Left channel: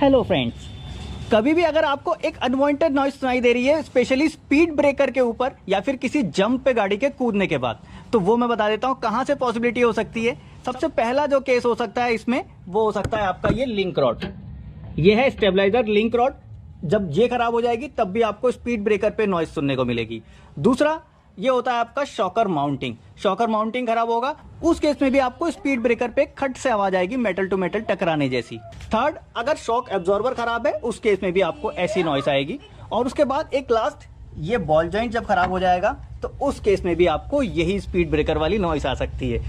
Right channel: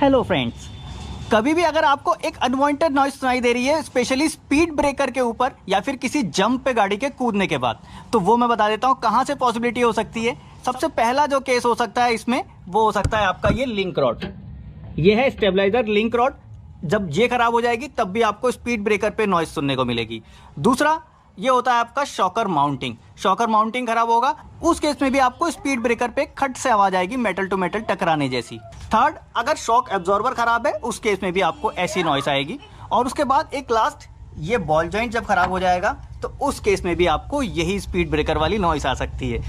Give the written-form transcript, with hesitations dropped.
Hello friends, कभी भी अगर आपको एक अनवांटेड नॉइस सुनाई दे रही है, स्पेशली स्पीड ब्रेकर के ऊपर या फिर किसी जंप पे गाड़ी के कूदने के बाद, तो वो मैं बता देता हूँ कहाँ से पॉसिबिलिटी हो सकती है। सबसे पहला जो केस हो सकता है इसमें, वो हो सकता है आपका ये लिंक रॉड। ये है स्टेबलाइजर लिंक रॉड। जब ये खराब हो जाएगी तब भी आपको स्पीड ब्रेकर पे नॉइस सुनने को मिलेगी। दूसरा ये होता है आपका शॉकर माउंटिंग। शॉकर माउंटिंग खराब होगा, उस केस में भी आपको स्पीड ब्रेकर पे खट से आवाज आएगी, मेटल टू मेटल टकराने जैसी। थर्ड, अगर शॉक एब्जॉर्बर खराब है, उस केस में भी आपको ऐसी नॉइस आएगी। और उसके बाद एक लास्ट, ये बॉल जॉइंट जब खराब हो जाएगा तो उस केस में भी आपको यही स्पीड ब्रेकर वाली नॉइस आ सकती है।